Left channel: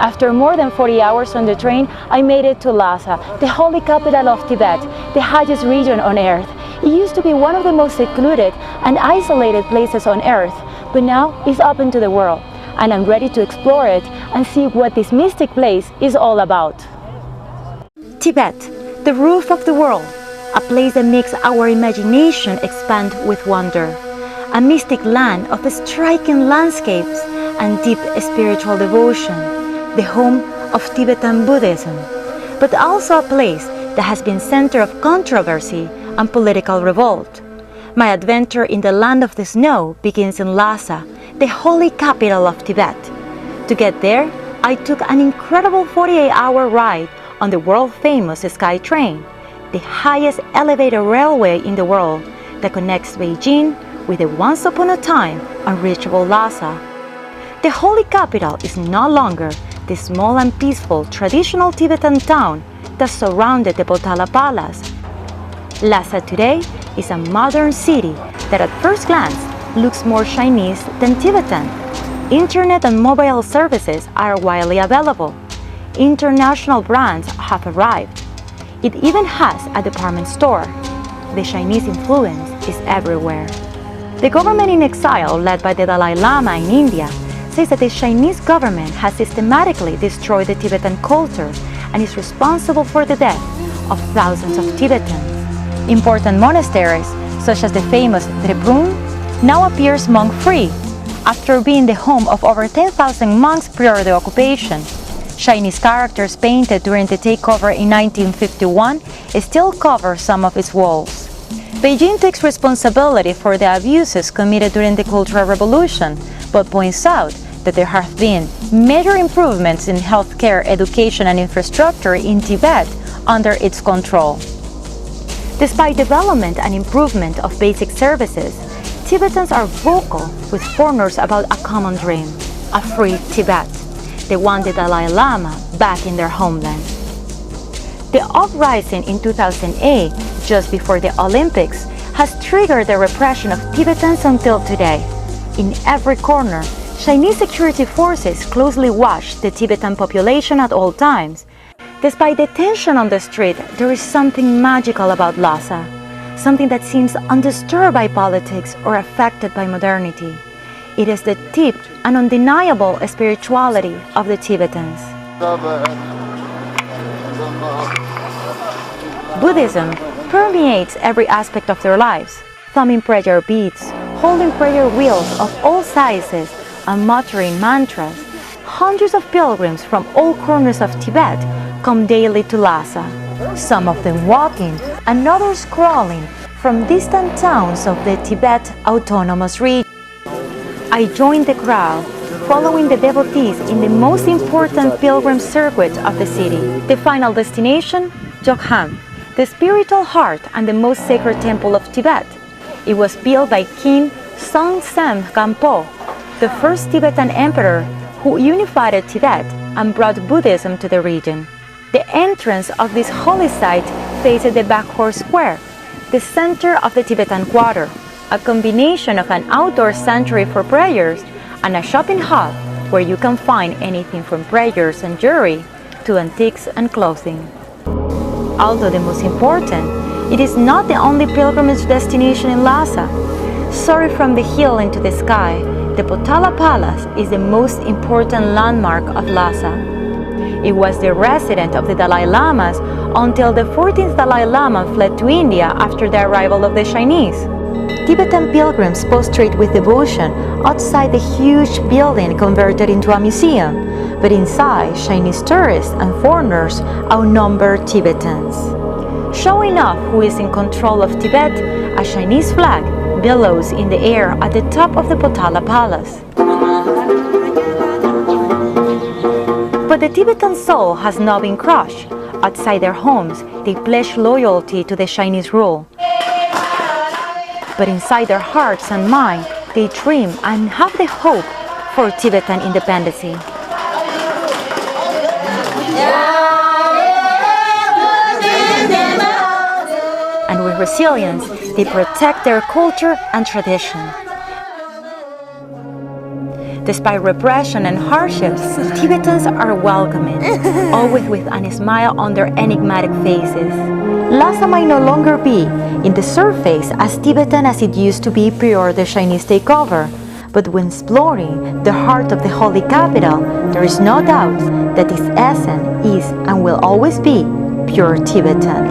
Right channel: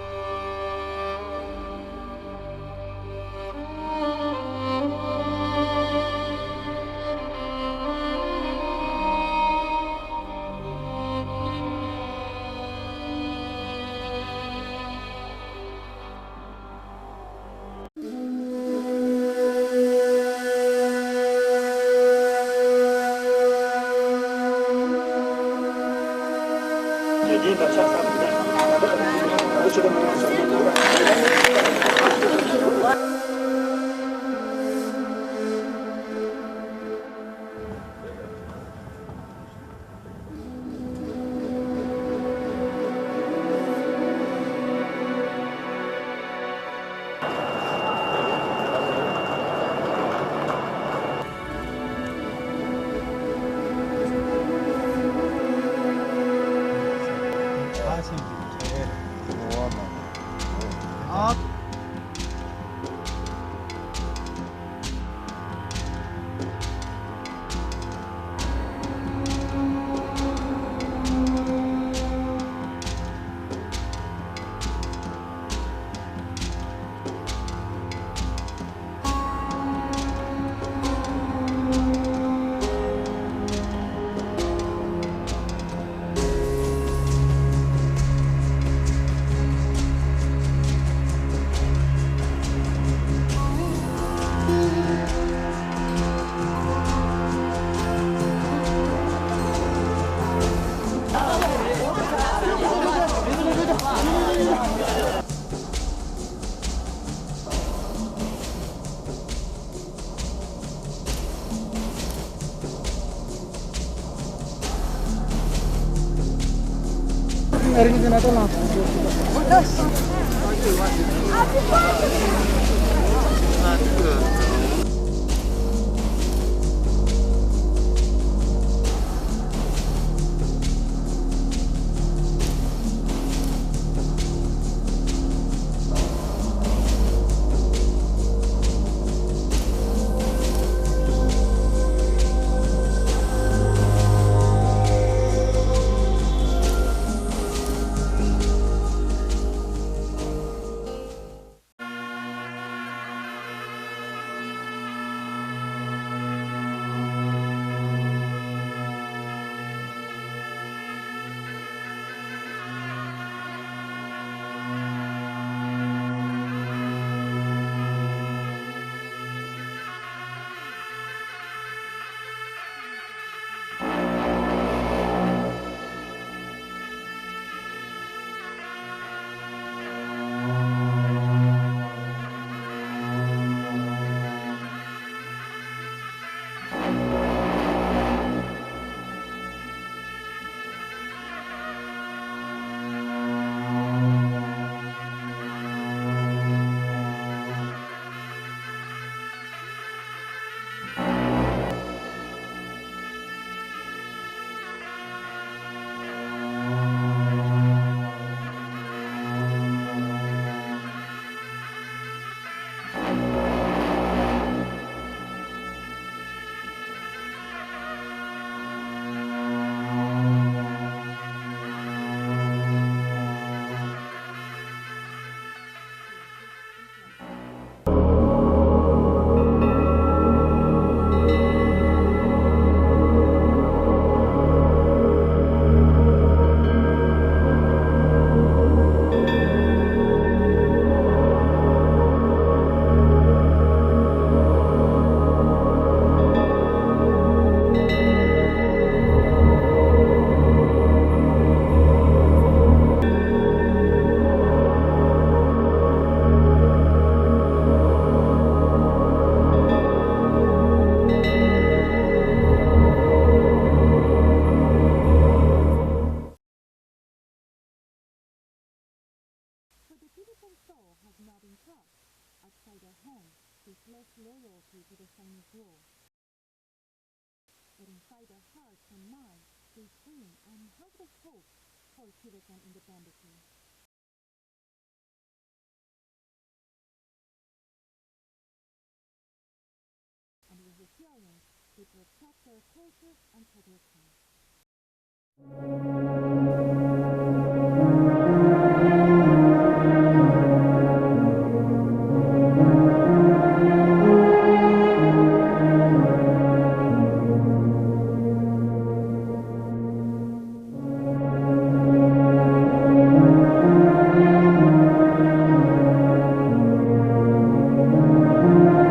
After more than 40 hours on the train, I made it to Lhasa, the holy capital of Tibet, the highest region on earth. It used to be one of the most secluded and isolated places on earth, but now it's open to the world, and I'm ready to explore it and see what this mystic place is all about. Tibet, the roof of the world, a place that makes our imagination expand with wonder. A mystic land of striking landscapes and deep spiritual devotion, the home of Tibetan Buddhism, but also a place that has been center of controversy and political revolt. My adventure in the land of the snow begins in Lhasa, the holy capital of Tibet. To get there, I took an incredible 48-hour ride on the world-famous Sky Train, the highest elevated railway in the world that connects Beijing with the once upon a time unreachable Lhasa. The holy capital is no longer the small and peaceful traditional Tibetan town that surrounded the Potala Palace. Lhasa today is a modern city that at first glance looks more Chinese than Tibetan. Internet and mobile services are widely available. International brands have arrived. It even has a department store. The Chinese influence is everywhere. The government in exile, led by the Dalai Lama in India, says that the Chinese government has systematically destroyed the Tibetan culture and is responsible for the death of thousands of Tibetans. Important monasteries, such as the famous Tribhuvan, now appears monk-free, after being the home of over 10,000 monks prior to the occupation. Chinese characters painted during the takeover in 1951 still cover some of its walls. Beijing takes responsibility for the abuses committed during the Cultural Revolution, but points out that there have been major improvements in healthcare, education, and infrastructure in Tibet under its control. Despite development and improvement of basic services, Tibetans are vocal with foreigners about a common dream, a free Tibet, the one the Dalai Lama back in their homeland. The uprising in 2008, just before the Olympics, has triggered the repression of Tibetans until today. In every corner, Chinese security forces closely watch the Tibetan population at all times. Despite the tension on the street, there is something magical about Lhasa, something that seems undisturbed by politics or affected by modernity. It is the deep and undeniable spirituality of the Tibetans. Buddhism permeates every aspect of their lives, thumbing prayer beads, holding prayer wheels of all sizes, and muttering mantras. Hundreds of pilgrims from all corners of Tibet come daily to Lhasa, some of them walking and others crawling from distant towns of the Tibet Autonomous Region. I joined the crowd, following the devotees in the most important pilgrim circuit of the city. The final destination, Jokham, the spiritual heart and the most sacred temple of Tibet. It was built by King Songtsen Gampo, the first Tibetan emperor who unified Tibet and brought Buddhism to the region. The entrance of this holy site faces the Bakhor Square, the center of the Tibetan Quarter, a combination of an outdoor sanctuary for prayers and a shopping hall where you can find anything from prayers and jewelry to antiques and clothing. Although the most important, it is not the only pilgrimage destination in Lhasa. Soaring from the hill into the sky, the Potala Palace is the most important landmark of Lhasa. It was the residence of the Dalai Lamas until the 14th Dalai Lama fled to India after the arrival of the Chinese. Tibetan pilgrims prostrate with devotion outside the huge building converted into a museum, but inside, Chinese tourists and foreigners outnumber Tibetans. Showing off who is in control of Tibet, a Chinese flag billows in the air at the top of the Potala Palace. But the Tibetan soul has not been crushed. Outside their homes, they pledge loyalty to the Chinese rule. But inside their hearts and minds, they dream and have the hope for Tibetan independence. And with resilience, they protect their culture and tradition. Despite repression and hardships, Tibetans are welcoming, always with a smile on their enigmatic faces. Lhasa might no longer be, in the surface, as Tibetan as it used to be prior the Chinese takeover. But when exploring the heart of the holy capital, there is no doubt that its essence is and will always be pure Tibetan.